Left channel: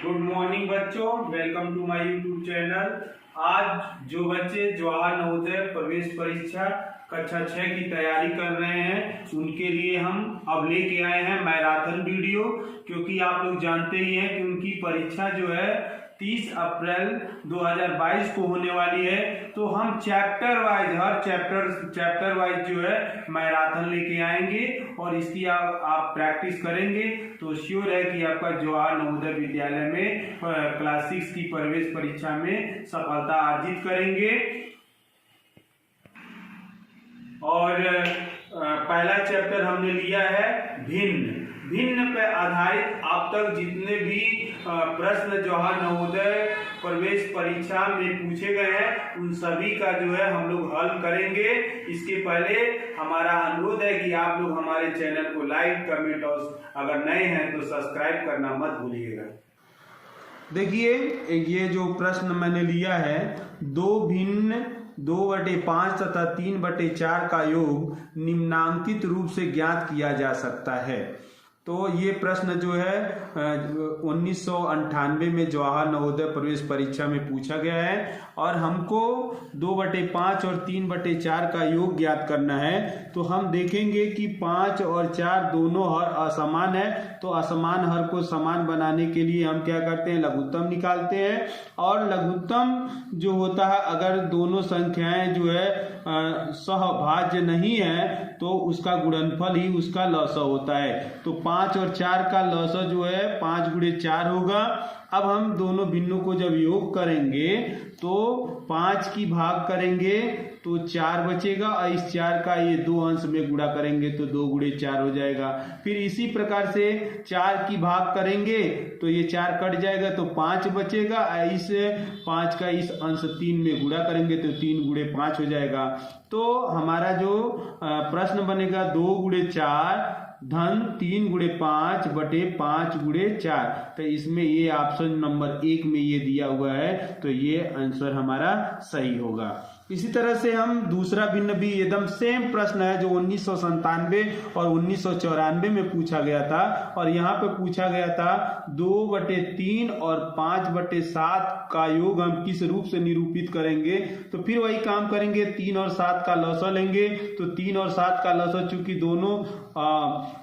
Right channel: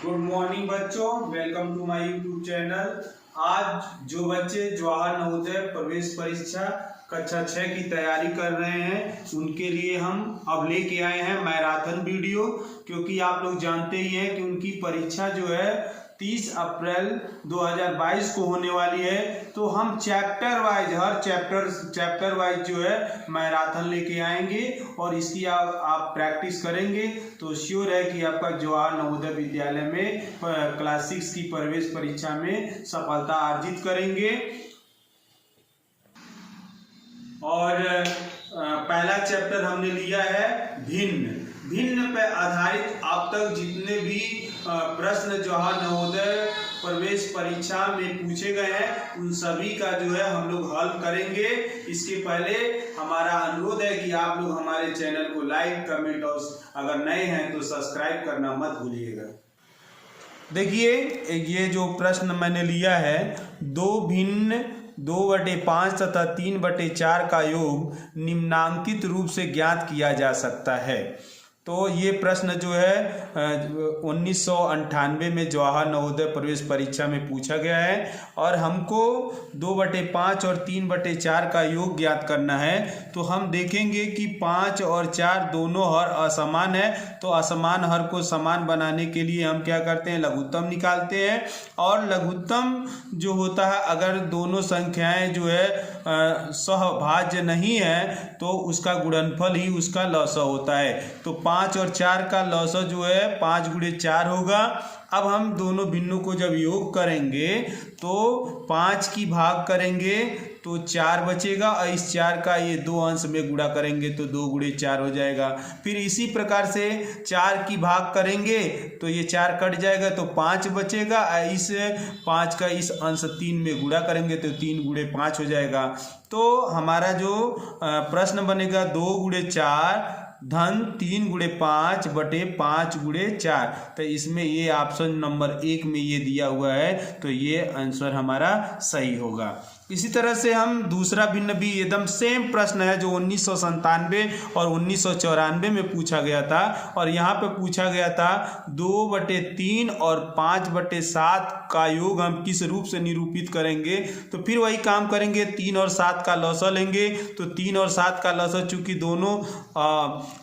Good morning बच्चों, welcome to my YouTube channel. आज जो बच्चे जवाहर नवोदय प्रवेश परीक्षा कक्षा 6 की तैयारी कर रहे हैं उनके लिए हम अब लेके आए हैं मैराथन वीडियो, क्योंकि आप लोग जानते ही हैं कि उनकी परीक्षा जो है 30 अप्रैल 2022 को होने वाली है। तो हम चैप्टर वाइज हर चैप्टर वाइज जो है मैराथन लेके आएंगे और इसकी आप प्रैक्टिस करेंगे तो श्योर है कि आपका जवाहर नवोदय विद्यालय में क्लास 6 की प्रवेश परीक्षा में सफलता अर्जित करेंगे। और पहला चैप्टर हमने लिया है भिन्न पर आधारित अब तक जितने भी प्रश्न जवाहर नवोदय प्रवेश परीक्षा में पूछे गए हैं उन सभी का जो है हम लोग हल करेंगे। इसके पहले हमारा अनुरोध है कि आप लोग हमारे चैनल को लाइक कमेंट और अगर नए हैं तो सब्सक्राइब करना मत भूलिएगा। देखिए, ये जो प्रश्न मैंने लिया है 2/5 तथा 3/4 का योग निम्नांकित रूप से ज्ञात किया जा सकता है। तो ये प्रश्न जो है 1998 में जवाहर नवोदय प्रवेश परीक्षा में पूछा गया है और हमको 2/5 और 3/4 का योग ज्ञात करना है। तो हम देखेंगे कि 5 और 4 दोनों हर असमान है, तो असमान हर को समान बनाने के लिए हम क्या करते हैं, लघुत्तम निकालते हैं। और लघुत्तम जो होता है, अगर दोनों संख्याएं जो है सहभाज्य नहीं है तो उसका गुणनफल ही उसका लसअ होता है। तो 5 और 4 का लसअ जो है 5 गुणे 4 होगा। अब हम दोनों भिन्नों को जब योग करेंगे तो 5 की भाग करेंगे तो 4 बचेगा और इस 4 का ये 2 अंश में गुणा करेंगे तो 2 गुणे 4 हो जाएगा। फिर इसी प्रकार से 4 की भाग करेंगे तो ये 4 कट जाएगा तो 5 बचेगा और इस 5 का इस अंश 3 में गुणा करेंगे तो 3 गुणे 5 हो जाएगा। तो हमारा जो प्रश्न बनेगा 2 गुणे 4 धन 3 गुणे 5 बटे 5 गुणे 4। तो इसमें ये ऑप्शन नंबर 1 में ये दिया हुआ है, तो ये आंसर हमारा सही होगा। इसी तरह से हम दूसरा भिन्न भी एकदम सेम प्रश्न है जो 1997 और 1994 में पूछा गया था और यहाँ पे पूछा गया था 2/3 और 5/7 का योग हम किस रूप से निरूपित करेंगे। तो फिर वही काम करेंगे, 3 और 7 का लसअ लेंगे। तो 3 और 7 का लसअ चूंकि दोनों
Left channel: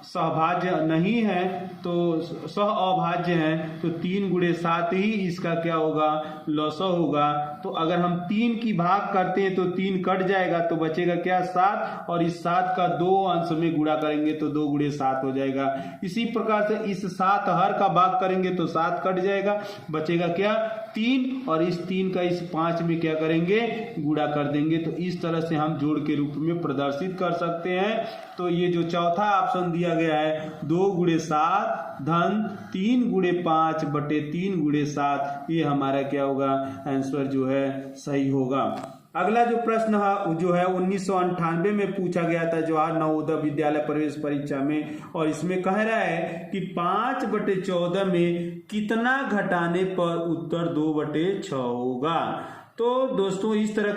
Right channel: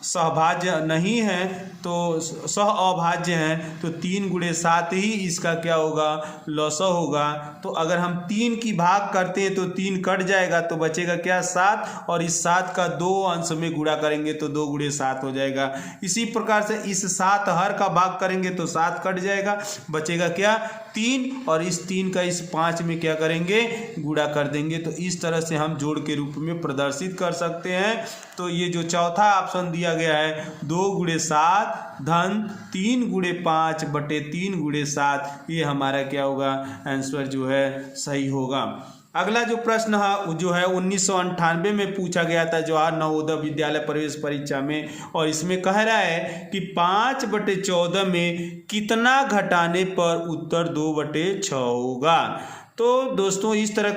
सहभाज्य नहीं है तो सह अभाज्य है, तो 3 गुणे 7 ही इसका क्या होगा, लसअ होगा। तो अगर हम 3 की भाग करते तो 3 कट जाएगा तो बचेगा क्या, 7 और इस 7 का 2 अंश में गुणा करेंगे तो 2 गुणे 7 हो जाएगा। इसी प्रकार से इस 7 हर का भाग करेंगे तो 7 कट जाएगा, बचेगा क्या, 3 और इस 3 का इस 5 में क्या करेंगे, गुणा कर देंगे। तो इस तरह से हम जोड़ के रूप में प्रदर्शित कर सकते हैं। तो ये जो चौथा ऑप्शन दिया गया है 2 गुणे 7 धन 3 गुणे 5 बटे 3 गुणे 7, ये हमारा क्या होगा, आंसर जो है सही होगा। अगला जो प्रश्न है जो है 1998 में पूछा गया था जवाहर नवोदय विद्यालय प्रवेश परीक्षा में और इसमें कह रहा है कि 5/14 में कितना घटाने पर उत्तर 2/6 होगा। तो दोस्तों इस तरह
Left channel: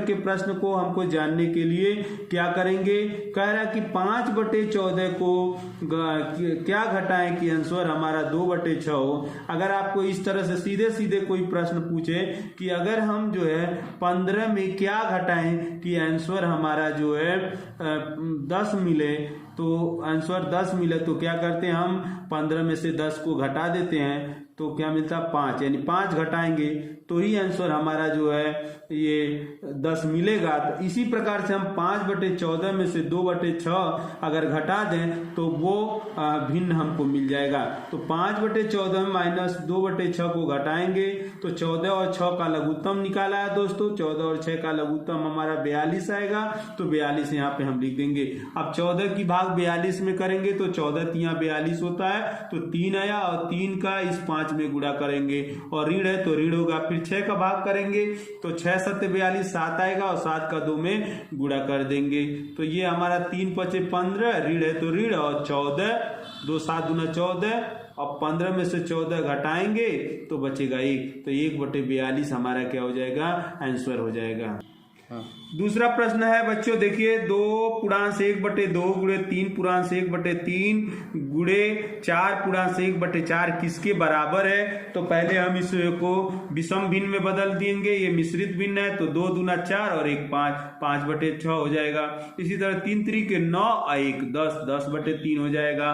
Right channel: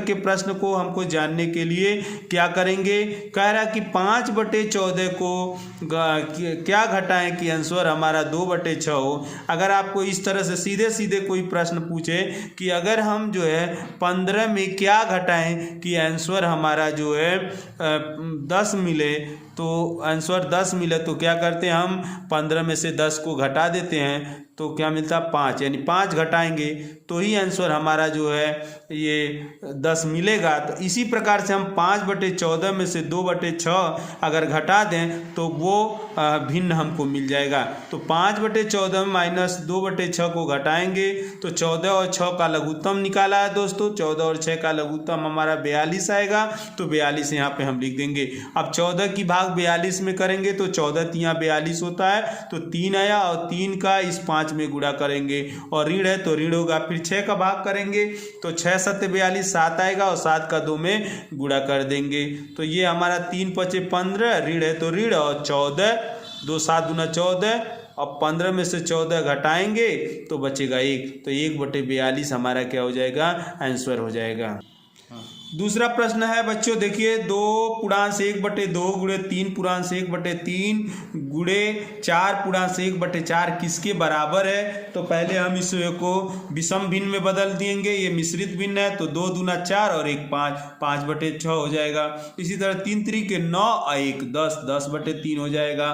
के प्रश्न को हमको जानने के लिए क्या करेंगे, कह रहा है कि 5/14 को क्या घटाएं कि आंसर हमारा 2/6 हो। अगर आपको इस तरह से सीधे कोई प्रश्न पूछे कि अगर हम जो है 15 में क्या घटाएं कि आंसर हमारा जो है 10 मिले, तो आंसर 10 मिले तो क्या करते हैं, हम 15 में से 10 को घटा देते हैं तो क्या मिलता, 5, यानी 5 घटाएंगे तो ही आंसर हमारा जो है ये 10 मिलेगा। तो इसी प्रकार से हम 5/14 में से 2/6 अगर घटा दें तो वो भिन्न हमको मिल जाएगा। तो 5/14 माइनस 2/6 को घटाएंगे तो 14 और 6 का लघुत्तम निकाला है दोस्तों, 14 और 6 का लघुत्तम हमारा 42 आएगा। तो 42 यहाँ पे हम लिख देंगे। अब 14 की भाग 42 में करेंगे तो 14 यहाँ 42 होता है, तो 3 आया और 3 का इस 5 में गुणा करेंगे और ऋण है तो ऋण होगा। फिर 6 का भाग करेंगे तो 6 7 42, 7 आएगा और 7 का 2 में गुणा कर देंगे। तो ये हमारा 3 5 15, ऋण है तो ऋण और 14, 2 7 दूना 14। अब 15 में से 14 घटाएंगे तो बचेगा 1, तो 1/42 हमारा क्या हो जाएगा, आंसर हो जाएगा। दूसरा प्रश्न है बच्चों, देखिए 2/1/2 गुणे 3/1/3 गुणे 4/1/4 किसके बराबर है। तो पहले हम इसको विषम भिन्न में बदल देंगे, ये मिश्रित भिन्न है तो 2 दूना 4 और 1 5, 5/6 हो जाएगा। इसी तरह 3 3 9 और 1 10, 10/3 हो जाएगा।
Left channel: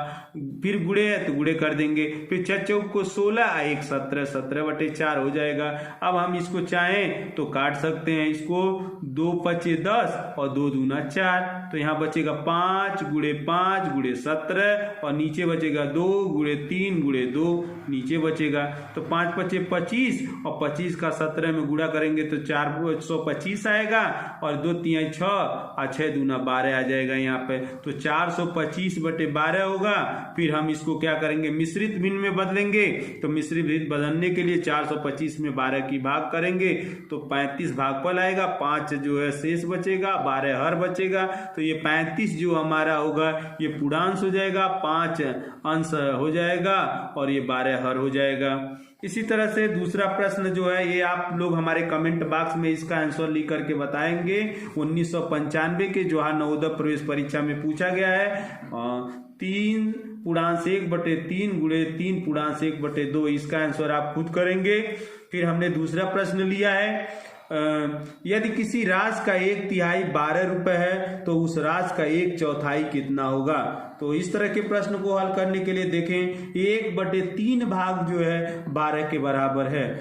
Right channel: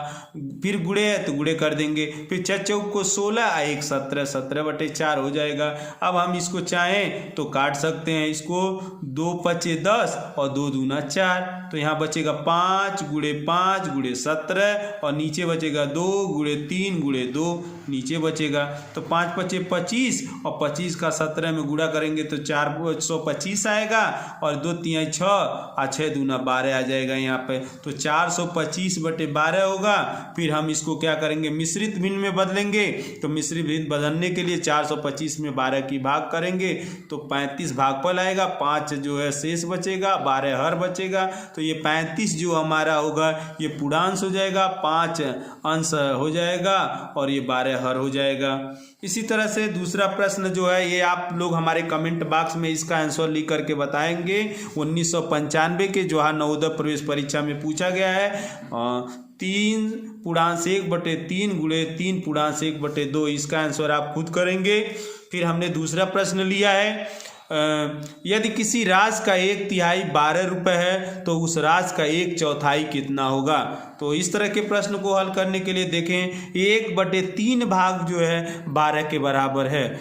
फिर गुणे है तो गुणे कर देंगे, फिर 6 चौक को 16 और 1 17, 17/4 हो जाएगा। अब हम इसको चाहें तो काट सकते हैं, इसको 2 5 10 और 2 दूना 4, तो यहाँ बचेगा 5 गुणे 5 गुणे 17 और नीचे बचेगा 2 गुणे 3 गुणे 2 नीचे बचेगा। तो 5 5 25 और 25 का 17 में गुणा करेंगे तो 425 आएगा और 2 3 6 और 6 दूना 12 आ जाएगा यहाँ पे। तो 425/12 होगा। फिर हम इसको क्या करेंगे, मिश्रित भिन्न में बदलेंगे। तो मिश्रित भिन्न बदलने के लिए 425 में 12 की भाग करेंगे तो 35 भागफल आएगा, 5 जो है शेष बचेगा, 12 हर बचेगा। तो ये 35 जो हमारा होगा ये पूर्णांश हो जाएगा, 5 अंश हो जाएगा और ये 12 हर हो जाएगा। इसी तरह से दूसरा प्रश्न जो है ये आप लोग हमारे कमेंट बॉक्स में इसका आंसर लिख करके बताएंगे। 1995 के जवाहर नवोदय प्रवेश परीक्षा में पूछा गया है। 3/1/3 गुणे 3/1/2 इसका आंसर आप खुद करेंगे। फिर हमने दूसरा प्रश्न लिया है, यदि किसी राशि का 1/3 12 रुपये है तो उस राशि का 1/4 कितना होगा। तो इस तरह के प्रश्न को हल करने के लिए देखें, 1/3 भाग जो है 12 के बराबर है।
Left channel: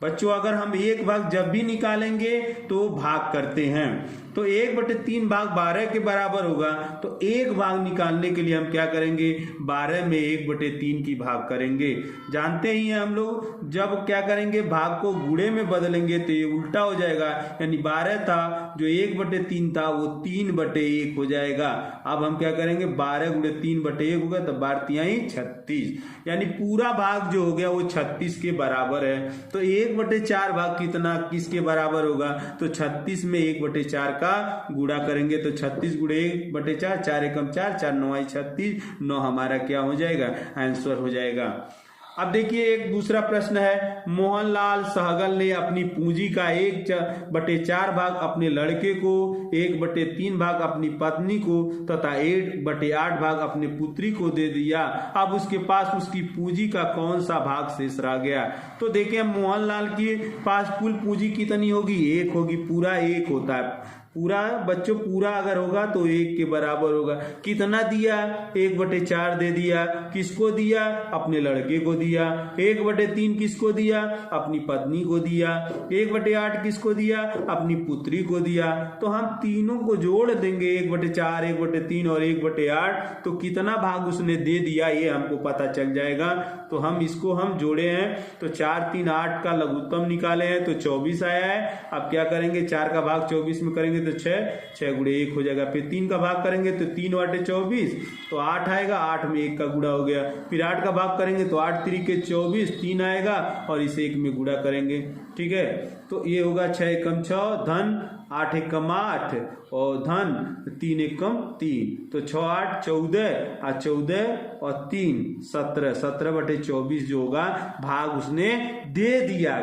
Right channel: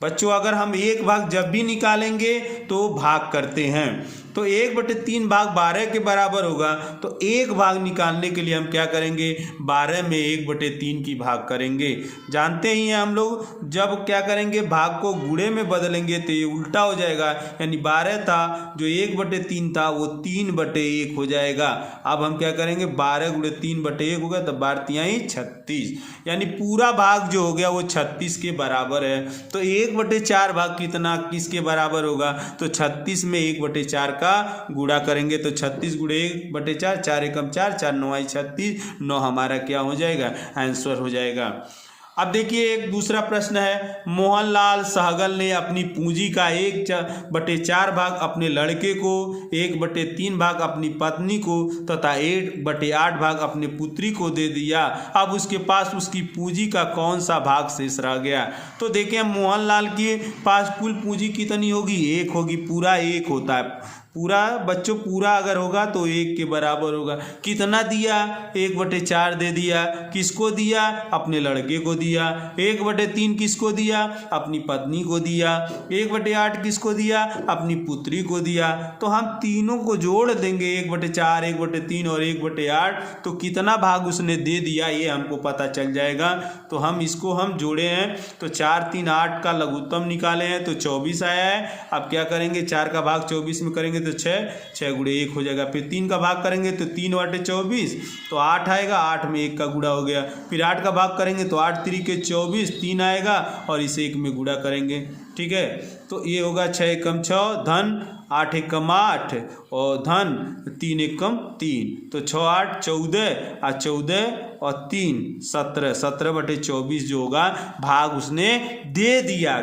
बच्चों अगर हम 1 भाग जब भी निकालेंगे तो भाग करते हैं, तो 1/3 भाग 12 के बराबर होगा। तो 1 भाग निकालने के लिए हम क्या करेंगे, 12 में 1/3 की भाग करेंगे। जानते ही हैं हम लोग जब क्या करेंगे, भाग को गुणे में बदलेंगे तो ये उल्टा हो जाएगा, यानी 12 था जो 1/3 था वो 3/1 हो जाएगा। अब हम क्या करेंगे, 12 गुणे 3/1 होगा तो 12 3 36, यानी पूरा भाग जो हो गया वो 36 के बराबर है। तो 1/4 भाग कितना किसके बराबर होगा, तो 36 में 1/4 का गुणा करेंगे तो 36 गुणे 1/4, 4 एकम 4, 4 9 36, 9 हमारा क्या हो जाएगा, आंसर हो जाएगा। अब देखिए एक दूसरा प्रश्न है, मोहनलाल सहगल ने अपनी पूंजी का 1/4 भाग अपने लड़के को, 1/3 भाग अपनी पत्नी को तथा 1/8 भाग अपने पुत्री को दे दिया। अब उसके पास उसकी पूंजी का कौन सा भाग शेष रह गया। तो देखिए मोहनलाल के पास कुल पूंजी कितनी होगी, 1 होगी, पूरा 1 होता है। पूरा बच्चों पूरा अगर होगा तो 1 के बराबर होगा। कितना दिया, 1/4 दे दिया। किसको दिया, अपने लड़के को दिया। 1/3 किसको दिया, अपनी पत्नी को दिया। 1/8 किसको दिया, अपनी पुत्री को दिया। तो हम तीनों को जोड़ देंगे, 1/4 1/3 और 1/8, तो कितना भाग उसने दे दिया ये हमको पता चल जाएगा। तो हम इसको हम जोड़े हैं तो 4 3 8 का लघुत्तम निकाले हैं तो 24 आया है। अब क्या करेंगे, 4 का भाग 24 में करेंगे तो 6 गुणे 1 हो जाएगा। फिर 3 का भाग करेंगे तो 3/24 तो 8 आएगा, 8 में 1 का गुणा हो गया। फिर 8 का भाग करेंगे तो 8 3 के 24, 3 आएगा और इसे 1 में गुणा करेंगे। ठीक है, तो ये होगा 6 एकम 6 धन 8 एकम 8 और धन 3 एकम 3, तो 6 8 14 और 14 और 3 17, 17/24 जो होगा भाग उसने दे दिया।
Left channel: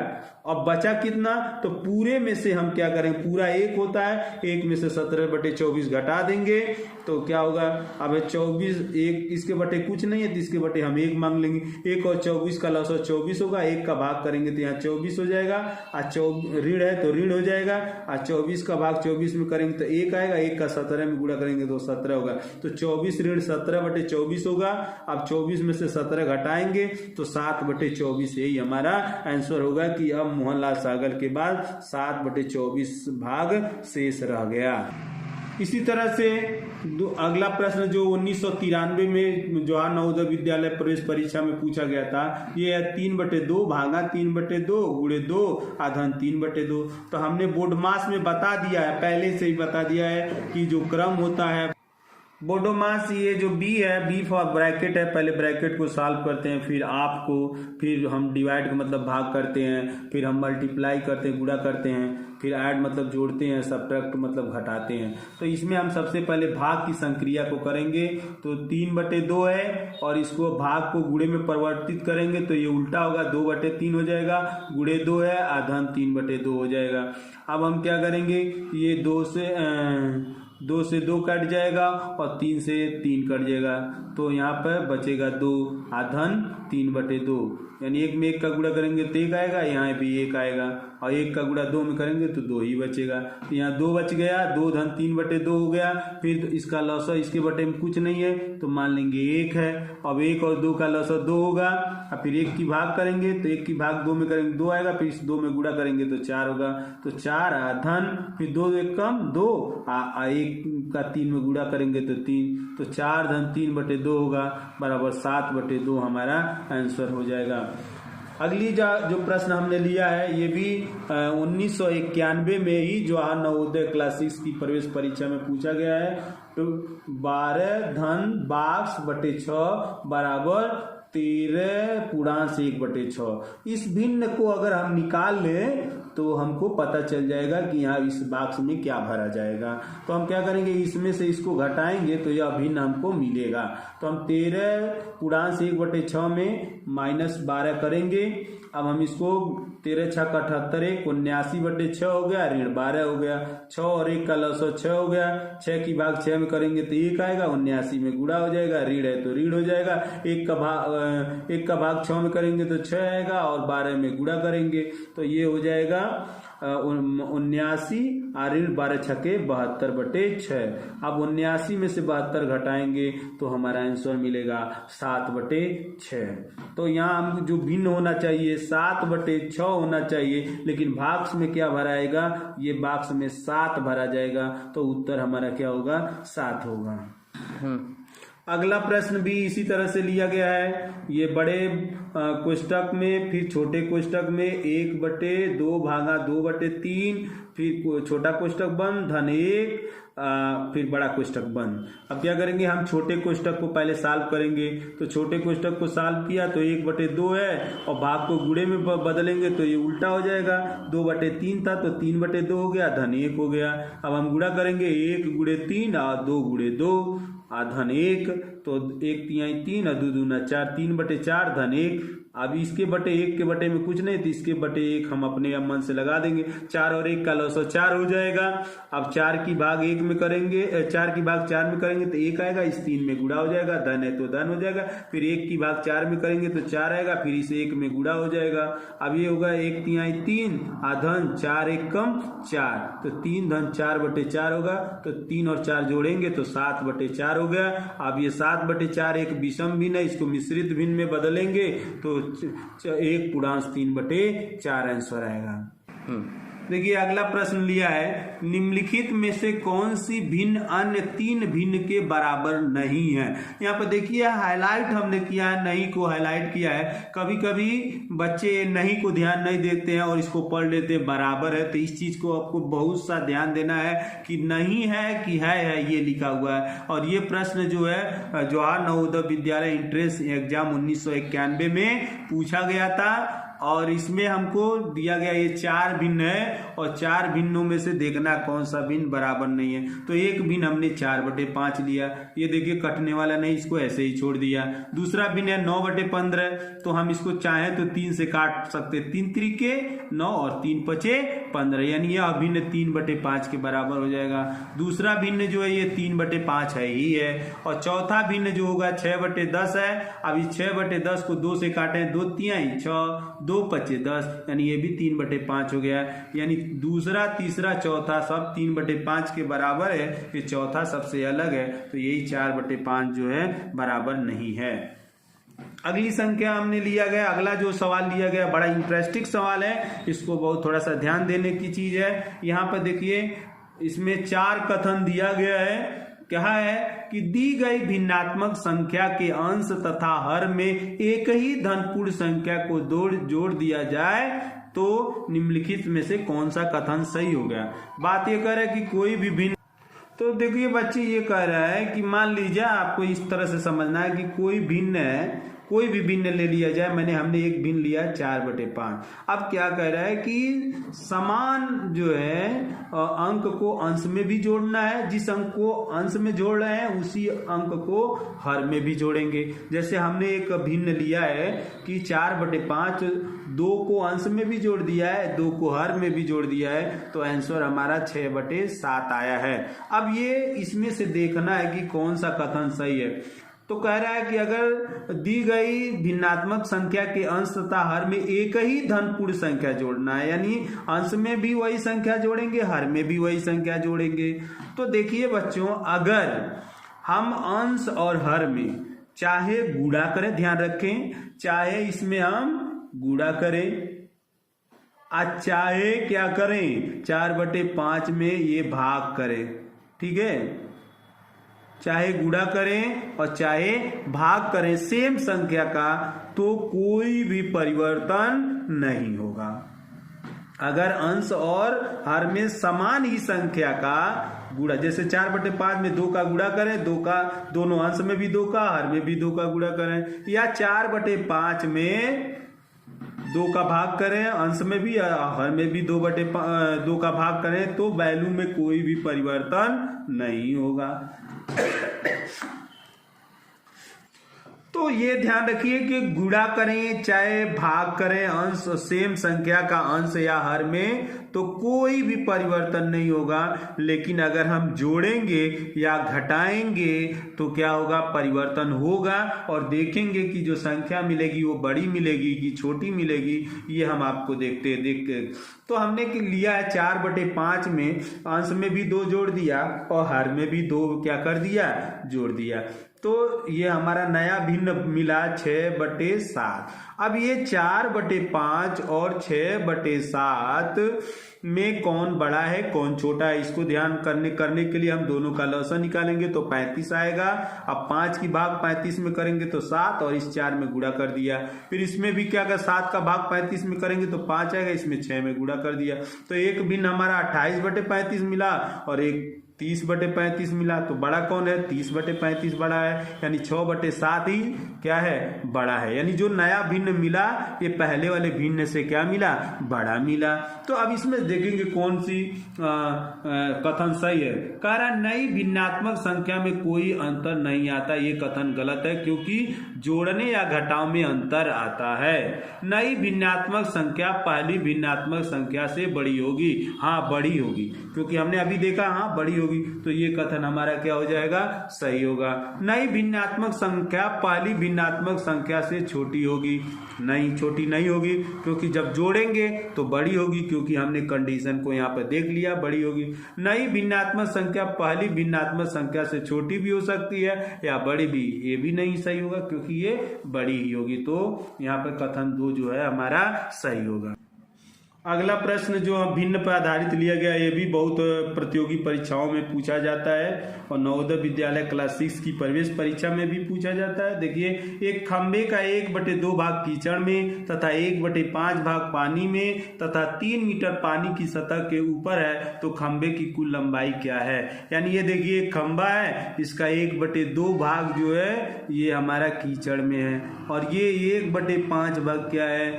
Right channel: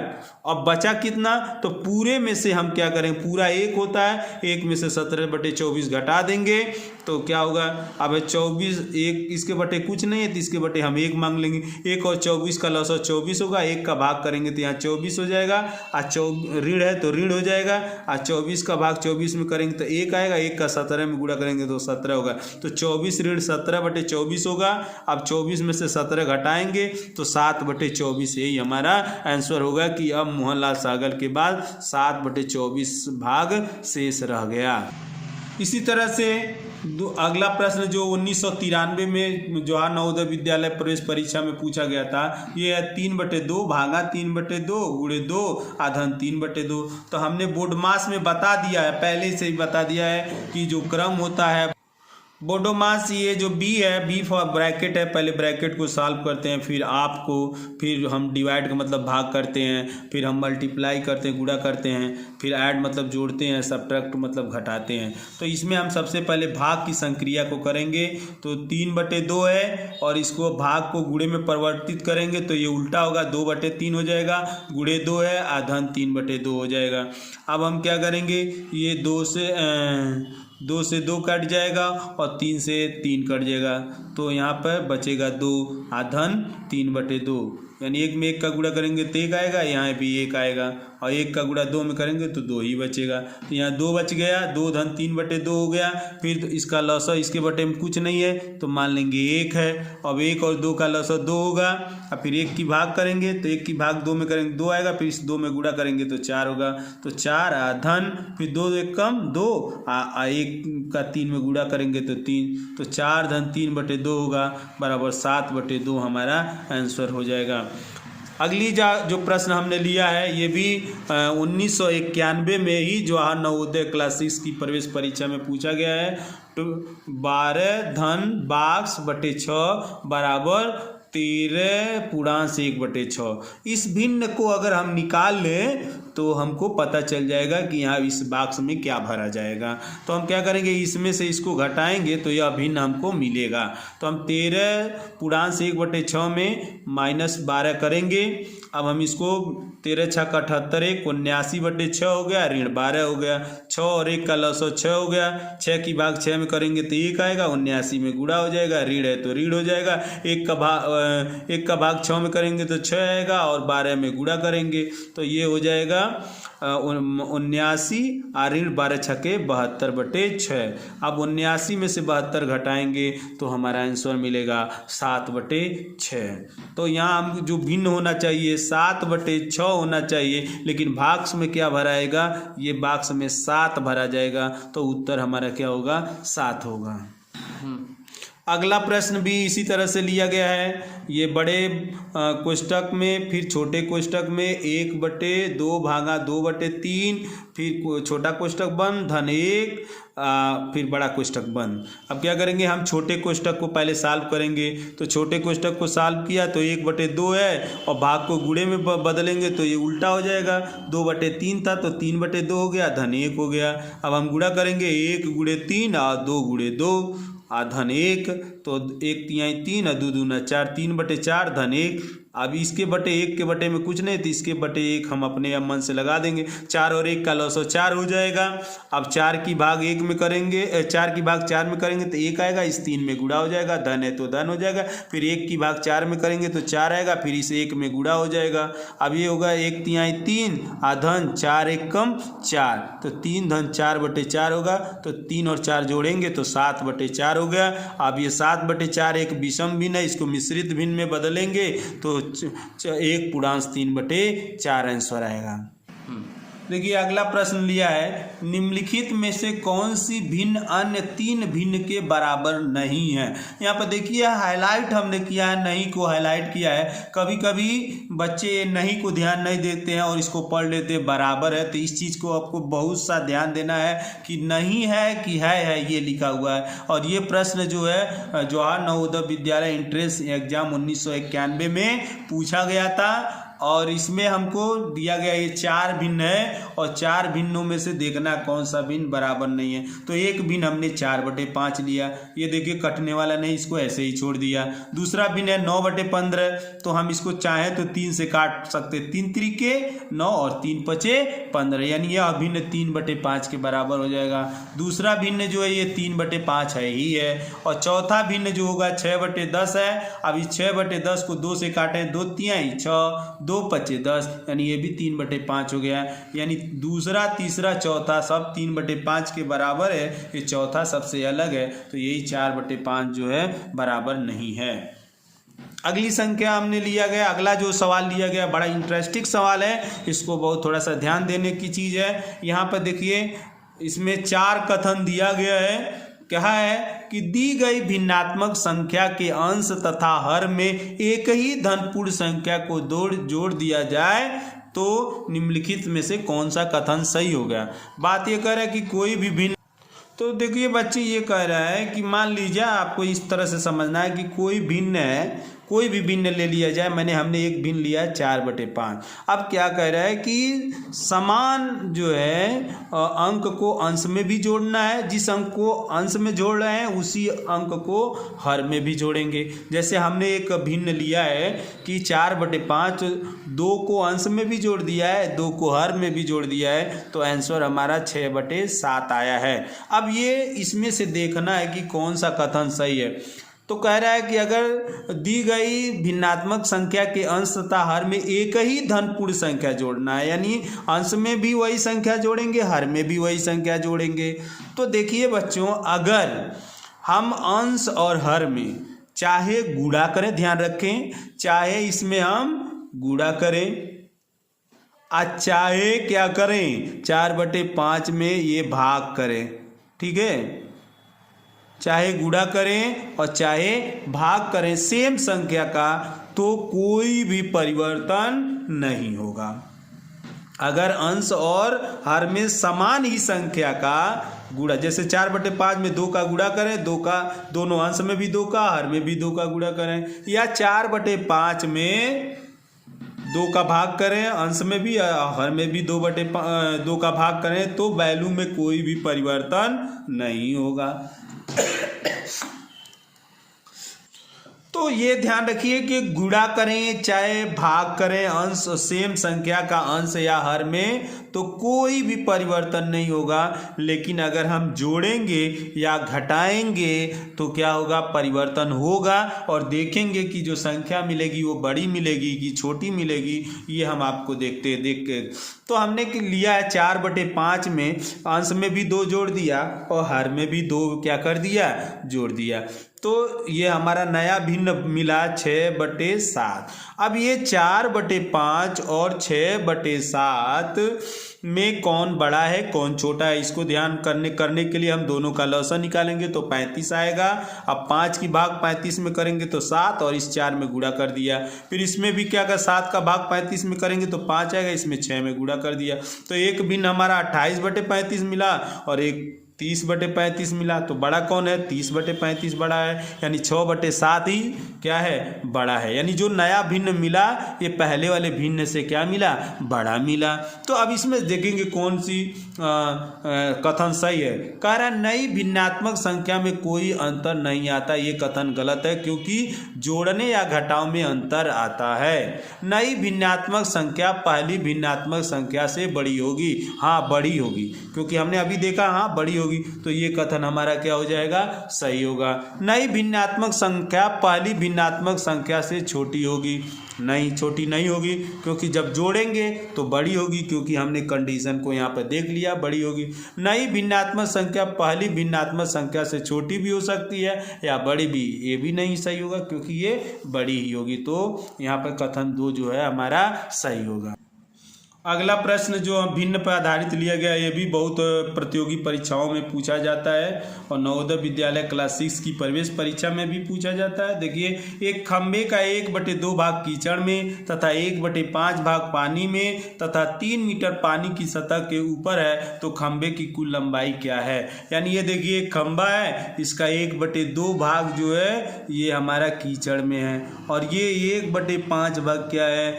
अब बचा कितना, तो पूरे में से हम क्या करें, पूरा 1 होता है, 1 में से 17/24 घटा देंगे तो क्या होगा, अब 24 1 इसके बटे कुछ नहीं है तो इसके बटे हम 1 मांग लेंगे। 1 और 24 का लॉस 24 होगा, 1 का भाग करेंगे तो यहाँ 24 हो जाएगा, ऋण है तो ऋण हो जाएगा। 24 का भाग 24 में करेंगे तो 1 आएगा, 1 का 17 में गुणा करेंगे तो 17 होगा। तो 24 ऋण 17/24 होगा। अब 24 में से 17 घटाएंगे तो 7/24, यही हमारा आंसर होगा कि अब मोहनलाल सहगल के बाद 7/24 भाग शेष रह गया। इसी तरह से अगला प्रश्न जो 1993 में जवाहर नवोदय विद्यालय प्रवेश परीक्षा में पूछा गया था, ये है 3/2 भागा 3/2 गुणे 2 आधन 3/2। तो हमने बोर्ड मास में बता दिया है, पहले से ही बता दिया है कि जो क्रम होता है बोडोमास ये जो बी है, बी फॉर ब्रैकेट है, पहले ब्रैकेट को सॉल्व करते हैं, फिर आपको, फिर हम डिवाइड का मतलब भाग करते हैं, फिर हम मल्टीप्लाई करते हैं, गुणा करते हैं, फिर ऐड मतलब जोड़ते हैं, सब्ट्रैक्ट मतलब घटाते हैं। तो इसमें हम सबसे पहले भाग की संक्रिया को करेंगे। तो 3/2 है और इसको भाग को गुणे में परिवर्तित करेंगे तो ये उल्टा होगा, 2/3 हो जाएगा, गुणे 2 है आधन 3/2 हो जाएगा। अब हम क्या करेंगे, ये 2 से 2 कट जाएगा और 3 से 3 कट जाएगा, तो यहाँ पर बचेगा 2 आधन 3/2, यानी 1 में 1 का गुणा करेंगे तो 1 आएगा, यहाँ भी 1 आएगा, और 1 का गुणा 2 में करेंगे तो 2 ही बचेगा। तो यहाँ 2 बच गया, 2 धन 3/2 हो गया। फिर इसका लॉसा इसके बटे में कुछ नहीं है तो मान लेंगे 1 है। अब 1 और 2 का लॉसा 2 होगा, और फिर 1 की भाग करेंगे तो 1 की भाग 2 में करेंगे 2 आएगा, फिर इस 2 में गुणा करेंगे तो 4 होगा। तो 4 आधन, फिर 2 1 कम 2, 1 का 3 में गुणा करेंगे तो 3, तो 4 धन 3/2 होगा बराबर 7/2 हमारा आंसर हो जाएगा। अगली जो प्रश्न हमने लिया है ये भी 1991 में ही जवाहर नवोदय क्लास 6 की प्रवेश परीक्षा में पूछा गया है। तो 12 धन 22/6 बराबर 13 × 1/6। इस भिन्न को अगर हम निकाल लें तो हमको पता चल जाएगा कि यहाँ इस बॉक्स में क्या भरा जाएगा। तो हम क्या करेंगे, इसमें से इसको घटाएंगे तो यह भिन्न हमको मिलेगा। तो हम 13 × 1/6 में -12 करेंगे। अब हम इसको 13 × 6 = 78, 79/6 हो गया, ऋण 12 हो गया, 6 और 1 का लॉस 6 हो गया, 6 की भाग 6 में करेंगे तो 1 आएगा, 79 में गुणा हो जाएगा, ऋण है तो ऋण हो जाएगा, 1 का भाग 6 में करेंगे तो 6 आएगा, और 12 में गुणा करेंगे तो ये हो जाएगा 79, और ऋण 12 × 6 = 72/6। अब 79 में से 72 घटाएंगे तो हमारा आंसर मिलेगा 7/6। तो यहाँ हम जो भिन्न होना चाहिए 7/6 होना चाहिए, लेकिन बॉक्स में क्या भराएगा, ये बॉक्स में 7 भरा जाएगा, तो उत्तर हमारा क्या होगा, 7 होगा। अगला प्रश्न भी इसी तरह से लिया गया है। ये बड़े कोष्टक में, फिर छोटे कोष्टक में 1/2 भागा 2/3, फिर छोटा कोष्टक बंद धन 1, फिर बड़ा कोष्टक बंद। अब क्या करेंगे, हम छोटे कोष्टक को पहले सॉल्व करेंगे। तो छोटे कोष्टक को सॉल्व किया तो 1/2 है, और भाग को गुणे में बदलेंगे तो ये उल्टा हो जाएगा, 2/3 था तो 3/2 हो गया, धन 1 हो गया। अब हम गुणा करेंगे 1 × 3 और 2 × 2 धन 1, तो 1 तिहाई 3 और 2 दूना 4, 3/4 धन 1। अब इसके बटे 1 के बटे में कुछ नहीं तो इसके बटे 1 हम अपने मन से लगा देंगे, 4 और 1 का लॉस 4 हो जाएगा। अब 4 की भाग 1 में करेंगे, 4 की भाग 4 में करेंगे तो 1 आएगा, इस 3 में गुणा हो जाएगा, धन है तो धन हो जाएगा, फिर 1 की भाग 4 में करेंगे तो 4 आएगा, फिर इस 1 में गुणा हो जाएगा। अब ये होगा 1 तिहाई 3 धन 4 1 कम 4, तो 3 धन 4/4 होगा, तो 3 और 4 जोड़ेंगे तो 7/4 हो गया। अब ये 7/4 एक विषम भिन्न है, इसको मिश्रित भिन्न में बदलेंगे तो 1 पूर्णांश 3/4 आंसर आएगा। देखिए अगला प्रश्न लिया है, निम्नलिखित में से कौन सी भिन्न अन्य 3 भिन्न के बराबर नहीं है। यहाँ पर देखिए हाईलाइट हमने किया है, नहीं को हाईलाइट किया है। कभी कभी बच्चे नहीं को ध्यान नहीं देते हैं और इसको पढ़ लेते हैं बराबर है, तो इस चीज़ को आपको बहुत सा ध्यान देना है कि नहीं है कि है ये लिखा हुआ है। और ये प्रश्न जो है जवाहर नवोदय विद्यालय एंट्रेंस एग्जाम 1991 में पूछा गया था, और इसमें हमको दिया गया ये 4 भिन्न है, और 4 भिन्नों में से देखना कौन सा भिन्न बराबर नहीं है। तो एक भिन्न हमने 4/5 लिया, ये देखिए कटने वाला नहीं, इसको ऐसे ही छोड़ दिया। दूसरा भिन्न है 9/15, तो हम इसको चाहें तो 3 से काट सकते, 3 त्रिके 9 और 3 पचे 15, यानी यह अभिन्न 3/5 के बराबर हो जाएगा। दूसरा भिन्न जो है ये 3/5 है ही है। और चौथा भिन्न जो होगा 6/10 है। अब इस 6/10 को 2 से काटें, 2 तिहाई 6, 2 पचे 10, यानी ये भी 3/5 हो गया। यानी दूसरा तीसरा चौथा सब 3/5 के बराबर है, ये चौथा सबसे अलग है, तो यही 4/5 जो है बराबर नहीं है। अगली संख्या हमने लिया गया, अगला जो सवाल लिया गया बड़ा इंटरेस्टिंग सवाल है, इसको बहुत थोड़ा सा ध्यान देने की चीज़ है। यहाँ पर देखिए इसमें 4 कथन दिया गया है। क्या है कि दी गई भिन्नात्मक संख्या के अंश तथा हर में एक ही धनपूर्ण संख्या को जोड़ दिया जाए तो निम्नलिखित में से कौन सा कथन सही होगा। बात ये कर रहा है कि कोई भी भिन्न, तो देखिए बच्चे ये कह रहा है कि मान लीजिए आपको इस तरह से समझना है कि कोई भिन्न है, कोई भी भिन्न ले लिया जाए। हमने एक भिन्न लिया 4/5। अब क्या कह रहा है कि समान जो है अंक को अंश में भी जोड़ना है। जिस अंक को अंश में जोड़ रहे हैं उसी अंक को हर में भी जोड़ेंगे। जैसे हमने एक भिन्न लिया है कि 4/5, 2 को अंश में भी जोड़ दिया है, 2 को हर में भी जोड़ दिया है, तो आंसर हमारा 6/7 आया है। अब ये इसमें से देखना है कि कौन सा कथन सही है। तो कह रहा है कि अगर दी गई भिन्नात्मक संख्या के अंश तथा हर में एक ही धन पूर्ण संख्या जोड़ना है, यानी अंश में भी वही संख्या जोड़ेंगे, हर में भी वही संख्या जोड़ेंगे। तो देखिए बच्चों, अगर हम अंश और हर में चाहे गुणा करें, ध्यान रखें, चाहे इसमें हम गुणा करें, चाहे क्या करें 4/5 में ये भाग करें, ठीक है, चाहे गुणा करें और चाहे भाग करें सेम संख्या का, तो कोई भी परिवर्तन नहीं होगा। अगर अंश और हर में समान ही संख्या का गुणा, जैसे 4/5 में 2 का गुणा करें, 2 का दोनों अंश में भी 2 का, हर में भी 2 का गुणा करें, या 4/5 में 2 का भाग करें, अंश में भी हर में भी 2 का भाग करें, तो वैल्यू में कोई भी परिवर्तन नहीं होगा। तो ये ध्यान रखिए कि गुणा करें चाहे भाग करें अंश सेम संख्या का अंश या हर में, तो कोई भी परिवर्तन नहीं होगा। लेकिन अगर हम जोड़ेंगे या घटाएंगे तो क्या होगा, परिवर्तन होगा। और देखेंगे कि जो संख्या मिलेगी वो बड़ी मिलेगी कि छोटी मिलेगी, ये हम आपको देख तो हमने लिया है 4/5 में अंश में भी 2 जोड़ दिया और हर में भी 2 क्या कर दिया, जोड़ दिया। तो ये हमारा नया भिन्न मिला 6/7। अब ये 4/5 और 6/7 में कौन बड़ा है कौन छोटा है, इसको ध्यान करने के लिए हम दोनों का लॉसा निकालेंगे तो 35 आएगा। अब 5 की भाग 35 में करेंगे तो 7, और इस 4 में गुणा कर दिया। फिर इसमें भी क्या, अगर 7 का भाग 35 में करेंगे तो 5 आएगा, इसमें 6 में गुणा कर दिया। तो एक भिन्न हमारा 28/35 मिला और एक 30/35 मिला। तो बड़ा कौन है, 30/35 बड़ा है, यानी 6/7 ही क्या है, बड़ा है। यानी जो नया भिन्न मिला ये पहले वाले भिन्न से क्या मिला, बड़ा मिला। तो अब इसमें देखेंगे कौन सी कथन सही है। कह रहा नई भिन्नात्मक संख्या में कोई अंतर नहीं आता, ये कथन गलत है, क्योंकि जोड़ने या घटाव में अंतर आता है। नई भिन्नात्मक संख्या पहली भिन्नात्मक संख्या से बड़ी होगी, हाँ बड़ी होगी, क्योंकि हमने अभी देखा हाँ बड़ी होगी, तो ये कथन हमारा क्या हो जाएगा, सही होगा। नई भिन्नात्मक संख्या पहली भिन्नात्मक संख्या से छोटी होगी, नहीं छोटी नहीं होगी, क्योंकि जब जोड़ेंगे तो बड़ी होगी, क्योंकि हमने कंडीशन को यहाँ पर देख लिया, बड़ी होगी। नई भिन्नात्मक संख्या पहली भिन्नात्मक संख्या से छोटी भी हो सकती है या बड़ी भी, ये भी नहीं सही होगा, क्योंकि ये बड़ी ही होगी। तो यहाँ पर कथन 2 जो है हमारा सही होगा। अगला प्रश्न जो भिन्न पर आधारित लिया गया, ये भी बहुत प्रतियोगी परीक्षाओं में पूछा जाता है और नवोदय विद्यालय क्लास 6 की प्रवेश परीक्षा में भी पूछा जाता है। देखिए, एक खंबे का 1/2 भाग कीचड़ में तथा 1/5 भाग पानी में तथा 3 मीटर पानी की सतह के ऊपर है, तो खंबे की कुल लंबाई क्या है। यानी ये देखिए एक खंबा है, इसका 1/2 भाग जो है ये हमारा कीचड़ में है, और ये 1/5 भाग क्या है,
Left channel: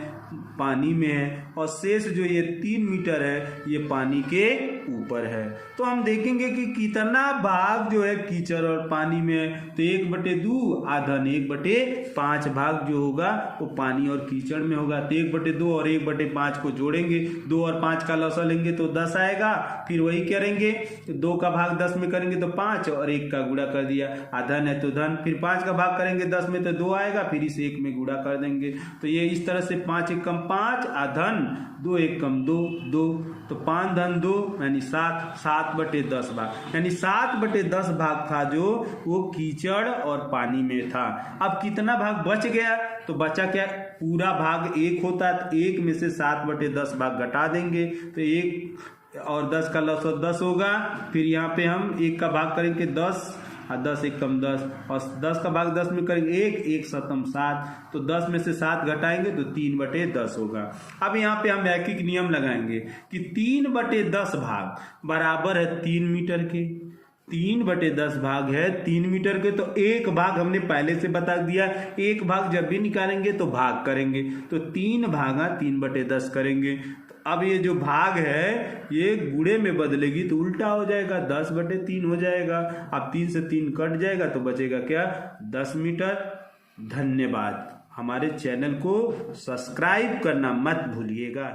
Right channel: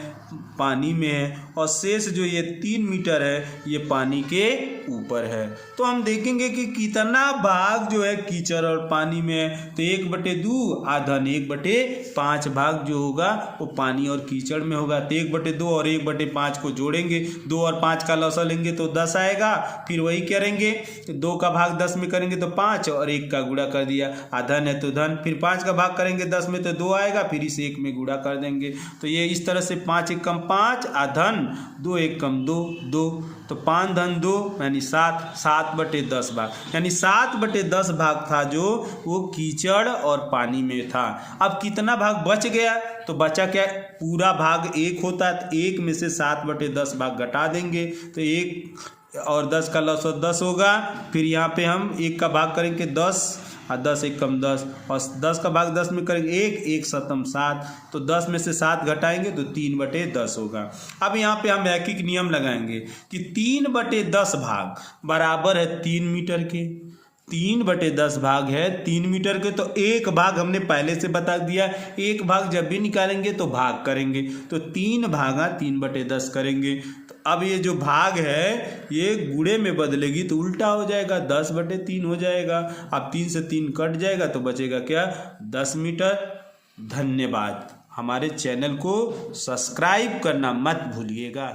पानी में है, और शेष जो ये 3 मीटर है ये पानी के ऊपर है। तो हम देखेंगे कि कितना भाग जो है कीचड़ और पानी में है, तो 1/2 आधन 1/5 भाग जो होगा वो पानी और कीचड़ में होगा। तो 1/2 और 1/5 को जोड़ेंगे, 2 और 5 का लसा लेंगे तो 10 आएगा। फिर वही करेंगे, 2 का भाग 10 में करेंगे तो 5 और 1 का गुणा कर दिया, आधन है तो धन। फिर 5 का भाग करेंगे 10 में तो 2 आएगा, फिर इस 1 में गुणा कर देंगे। तो ये इस तरह से 5 × 5 आधन, 2 × 1 2 2, तो 5 धन 2 यानी 7/10 भाग, यानी 7/10 भाग था जो वो कीचड़ और पानी में था। अब कितना भाग बच गया, तो बचा क्या, पूरा भाग 1 होता है, तो 1 में से 7/10 भाग घटा देंगे, तो 1 और 10 का लौसत 10 होगा। फिर यहाँ पे हम 1 का भाग करेंगे 10 और 10 × 1 10, और 10 का भाग 10 में करेंगे 1 7 7, तो 10 में से 7 घटाएंगे तो 3/10 होगा। अब यहाँ पे हम रैखिक नियम लगाएंगे कि 3/10 भाग बराबर है 3 मीटर के, 3/10 भाग है 3 मीटर के, तो एक भाग हमने पहले से बता दिया। एक भाग जब भी निकालेंगे तो भाग करेंगे, तो 3 भागा 3/10 करेंगे। तो अब ये जो भाग है ये गुणे में बदलेगी तो उल्टा हो जाएगा, 10/3 हो जाएगा। अब 3 से 3 कट जाएगा तो बचेगा क्या, 10 मीटर। धन्यवाद। हमारे चैनल को सब्सक्राइब करना मत भूलिएगा।